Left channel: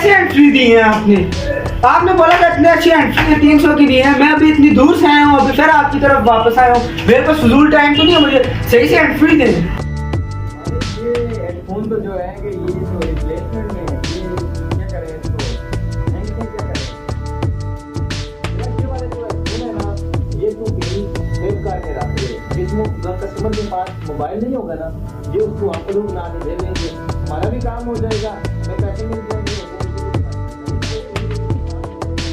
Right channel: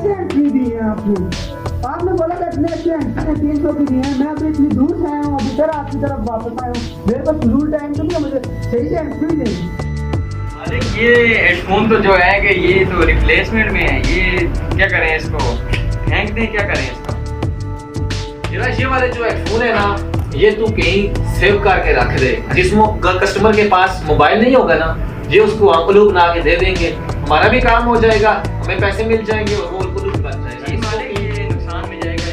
कैसे एंट्री दी है आपने? आपने बोला था इतने अच्छी एंट्री 300 की दी है। मैं अभी इतनी दूर से आया हूँ, अभी फिर आपकी तरफ वापस आया हूँ। मेरे पास फजूल टाइम तो नहीं है, मुझे सही से एंट्री दें। अरे ये हेडफोन तो जो है कि ये तो रिप्लेसमेंट में है, ये क्या करें इसको, फेंक दें, क्या करें इसको? ये वाले जो हेडफोन है ना, ये तू कहीं सेव करके रख दे। जिसमें कस्टमर के पास मोबाइल नहीं होगा ना, ये उसको अंकलू बना के दे देंगे, हमारा भी काम हो जाएगा, हमें पैसे मिल जाएंगे और वो उनको लूट बन जाएगा। ये नुकसान में जाएगा।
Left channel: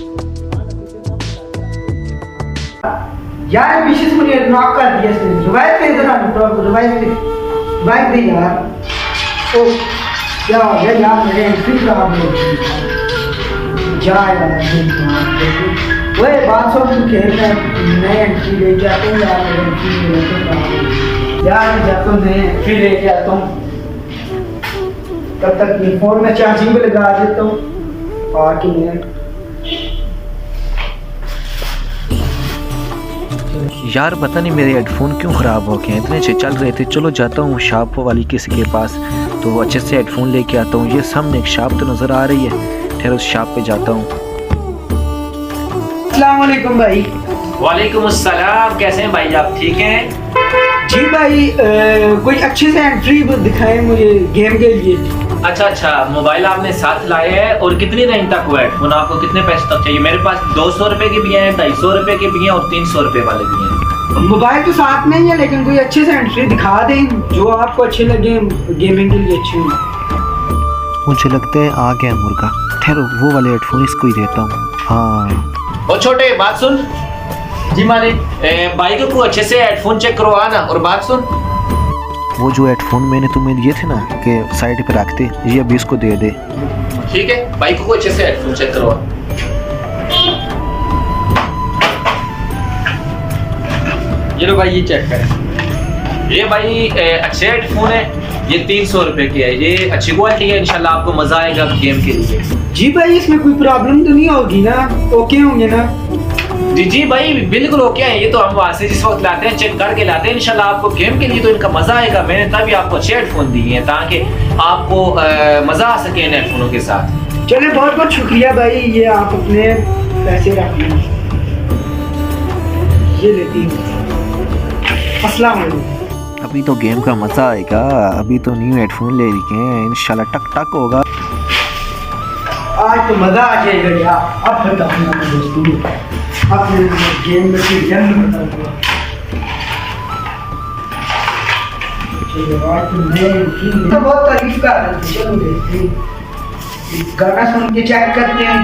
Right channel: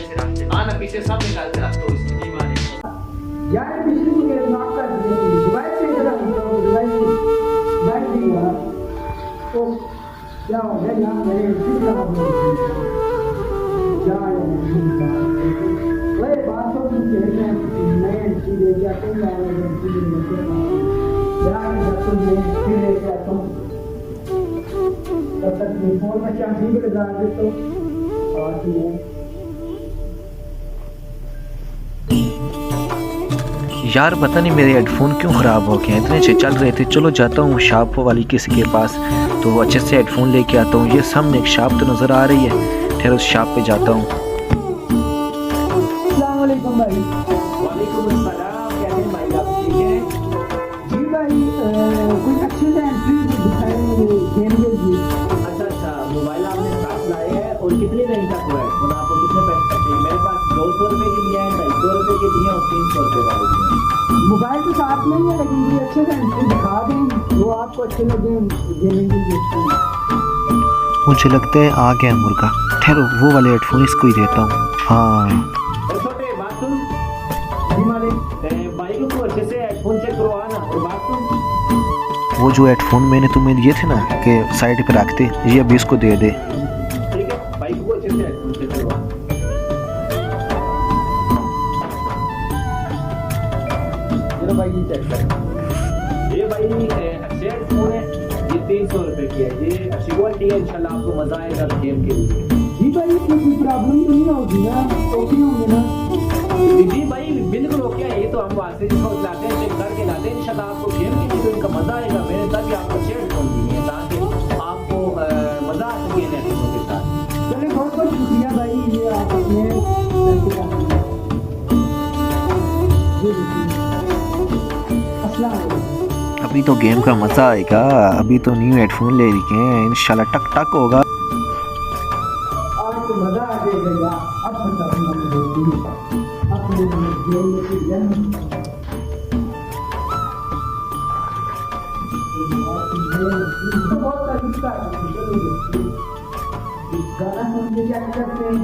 हाँ ना, पीछे सब निकाल के रख दो इसकी। यार पीछे से मुझे नॉक कर दिया इसने। रिवाइव पे इधर आ, रिवाइव दे यार। ओ क्या हो गया यार, मेरे एंट्री खराब हो गई। जा यार वही बात सुन, तू खेल में नए एंट्री ले जाते हैं यार, मेरे एंट्री ले जाते हैं यार, जाता हूँ नए एंट्री ले जाता हूँ। तब तक ये फोन में चार्जिंग पे लगा देता हूँ और कि यार पता नहीं मेरे हेडफोन क्यों ख़राब हो गए हैं, इतने अच्छे चल रहे थे। चलो जाता हूँ शॉप वाली किसी के पास तो अच्छे से हेडफोन लेके आता हूँ। ये सामने एक शॉप तो नज़र आ रही है, फिर उस शॉप पे जाता हूँ। अस्सलाम वालेकुम भाई। वालेकुम अस्सलाम, कैसे हैं भाई आप, ठीक हैं? जी भाई कोई अच्छे से एंट्री दिखाएं मुझे गेम के लिए। अच्छा, मोबाइल आपने साथ लाए हैं और कितनी रेंज तक हुआ हेडफोन, आपको कितने पैसे तक चाहिए? मेरे पास 200 रुपए के भी हैं, 250 रुपए के भी हैं और 300 रुपए वाले भी हैं। मोबाइल तो साथ में ही है, लेकिन कोई अच्छे से एंट्री दिखा दें जो आपको अच्छे लगे, गेमिंग के लिए अच्छे हों। मुझे लगता है आ गया मुर्गा, ठहरो वो वाले हेडफोन इसको ही देता हूँ। हाँ और छोटे बात सुन जी मालिक, बाइक को अच्छे से हेडफोन चेक करवा ना। और बात सुन, वो जो हेडफोन मैंने तुम्हें दिए थे ना कि साइड पे रख दे, ये अभी इसको दे दे। ठीक है, बाइक को अच्छे से हेडफोन चेक करवा। ये लो भाई, ये चेक करें। ये भाई अच्छे हेडफोन है, ये 300 रुपए के है, ये अच्छी क्वालिटी है, इंशाल्लाह आपको मजा आएगा गेम के लिए। जी भाई इसमें कोई प्रॉब्लम तो नहीं होगी ना? ओके होंगे ना? जी भाई बिल्कुल ओके है। ये तो हम वहाँ से जिस वक्त लाते हैं चेक करके लाते हैं, इंशाल्लाह आपको गेम के लिए तो इनका मजा आएगा। मैंने तभी आपको अच्छे हेडफोन दिए हैं ताकि आपको मजा आ सके इन हेडफोनों के साथ। चलिए बहुत बहुत शुक्रिया भाई, ये आप अपने पैसे रख लें, ये लेती हूँ। अस्सलाम वालेकुम। अभी तो गेम का मजा आएगा, अभी तो न्यू हेडफोन ले रखे हैं, इंशाल्लाह टक टक होगा। आज तो मजा आ जाएगा यार। अब फिर अब गेम में फिर जन्म तो बहुत तारीफ कर रहे हैं। चलो देखते हैं, गाना सुन के चेक करते हैं।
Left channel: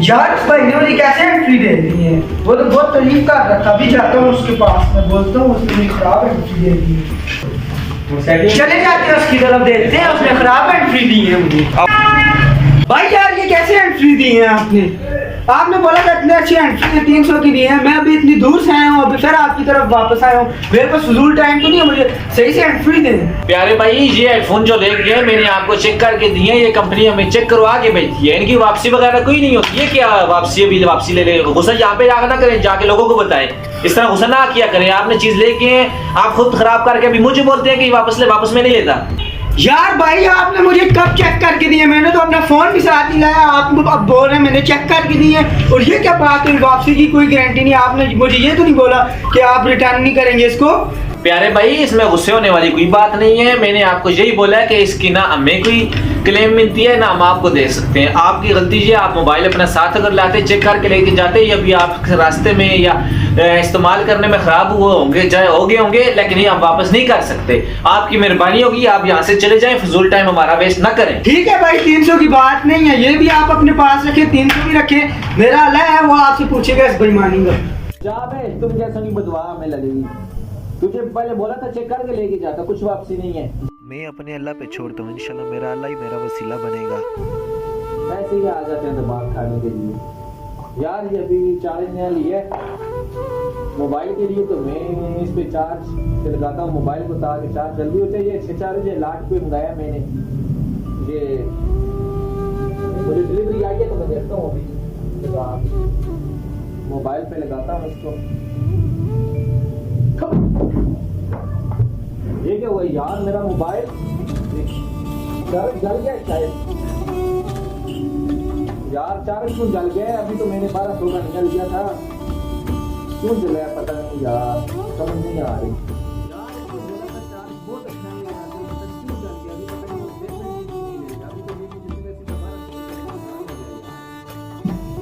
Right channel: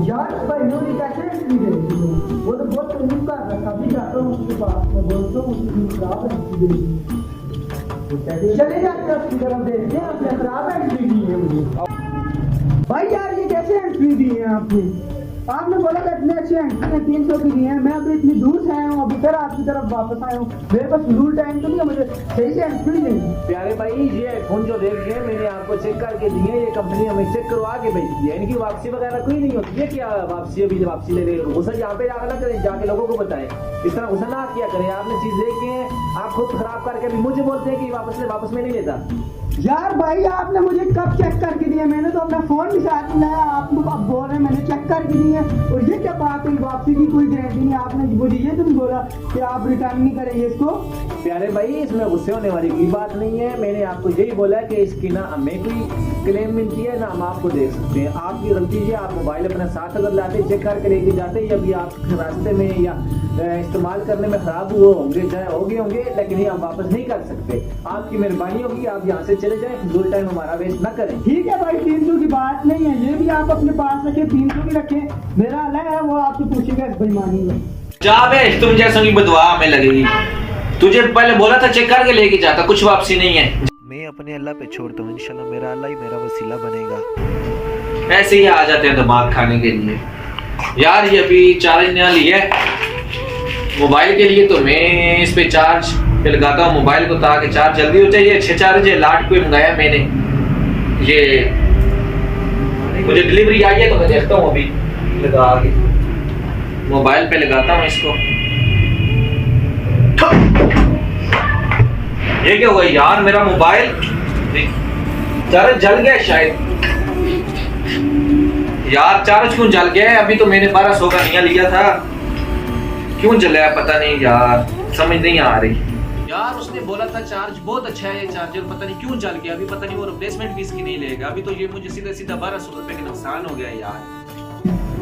यार भाई ने मुझे कैसे एंट्री दे दी है, वो तो बहुत तारीफ कर रहा था। अभी जाता हूँ उसके पास, मैं बोलता हूँ उसने मुझे खराब एंट्री दे दी है। चले जाते हैं उसकी तरफ, देखते हैं उसने खराब एंट्री दी है मुझे। भाई यार ये कैसे एंट्री दी है आपने? आपने बोला था इतने अच्छी एंट्री 300 की दी है। मैं अभी इतनी दूर से आया हूँ, अभी फिर आपकी तरफ वापस आया हूँ। मेरे पास फजूल टाइम तो नहीं है, मुझे सही से एंट्री दें। प्यारे भाई, ये हेडफोन जो देख रहे हैं मैंने आपको चेक करके दिए हैं, ये कंपनी हमें चेक करवा के भेजती है, इनकी वापसी वगैरह कोई नहीं होती है। क्या वापसी, अभी वापसी ले ले, गुस्सा यहाँ पे जाकर ना करें, जाके लोगों को बताएं, इस तरह गुस्सा ना किया करें। आपने चीज लेके आप खुद खराब करके अभी मुझे बोलते हैं कि वापस ले, वापस में नहीं लेता। यार भाई आपने मुझे कब चेक करके दिए? मैंने तो अपना फोन भी साथ नहीं लाया, आप अब बोल रहे हैं मैंने चेक करके दिए। और ये क्या बात है, वापसी की कोई गारंटी नहीं। आपने मुझे ये तो नहीं बोला कि आप रिटर्न नहीं करेंगे इसको? प्यारे भाई, इसमें गुस्से होने वाली कोई बात नहीं है। मैंने आपको यही बोला है कि इसकी ना हमें कोई क्लेम मिलती है ना हम आपको दे सकते हैं। आपकी गलती है, आप मोबाइल अपना साथ अगर लाते चेक करके लेके जाते, या भी आप रास्ते में या इस्तेमाल करने में खराब हुए होंगे, चाहे हो गए होंगे, लेकिन ये हम वापस नहीं कर सकते। आपकी मेहरबानी होगी, आप यहाँ से चले जाएं, फजूल टाइम हमारा वेस्ट ना करें। ठीक है भाई, 300 की बात नहीं है, ये भी आप अपने पास रखें, 300 भी रखें। मेरा अल्लाह है वो आपसे पूछेगा इस बेईमानी का। जा बे, तुम जैसों की बदुआ हमें लगेगी। तुझे पहले बोला था चेक करके लेके जाता, कुछ वापसी नहीं है। मैं अपने अल्लाह पे छोड़ता हूँ, इंशाल्लाह मेरा अल्लाह ही मेरा वसीला बनेगा। ऐसे ही आ जाते हैं दिमाग खाने के लिए। यार ये अभी चार्ज नया लिया है मोबाइल के लिए, तो मैं इस पे चार्ज पे लगाता हूँ मोबाइल को ताकि चार्ज जल्दी हो जाए। ये 6 चार्ज है, लाट पे मंगाया मैंने। ये मुझे डिलीवरी आई है तो मैं देखता हूँ अभी लगा के। मोबाइल पे लगाता हूँ इसको। ये क्या हुआ यार, मेरा मोबाइल चार्ज जल गया शायद यार। चार्ज क्यों जल गया है? अभी तो मैंने 1200 का नया लिया था, क्यों जला पता नहीं यार, समझ नहीं आ रही यार। उसने बोला था चार्ज बहुत अच्छा है ये चार्जर, पता नहीं क्यों जल गया। अभी पता नहीं वो रिप्लेसमेंट भी इसकी नहीं लेगा। अभी तो ये मुझे सीधा सीधा 1200 रुपए का नुकसान हो गया यार।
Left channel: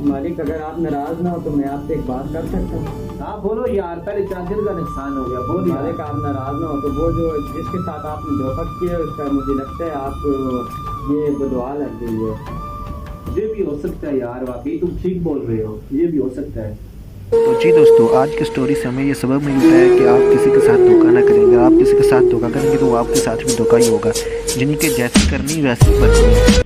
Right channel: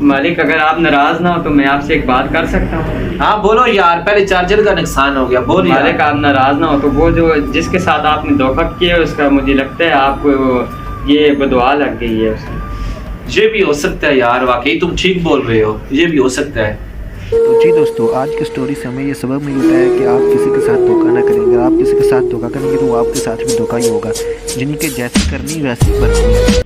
मालिक अगर आप नाराज ना हो तो मैं आपसे एक बात कर सकता हूँ? हाँ बोलो यार, पहले चार्जर का नुकसान हो गया, बोल यार। मालिक आप नाराज ना हो तो वो जो जिसके साथ आपने धोखा किया उसका मुझे लगता है आपको ये बदुआ लग गई है उसकी। ये भी हो सकता है यार, वाकई तुम ठीक बोल रहे हो, ये भी हो सकता है। तो जी दोस्तों, आज की स्टोरी से हमें ये सबक मिलता है कि आप किसी के साथ धोखा ना करेंगे। आप किसी के साथ धोखा करेंगे तो वो आपके साथ भी धोखा ही होगा। जिनके जैसी करनी वैसी बननी है।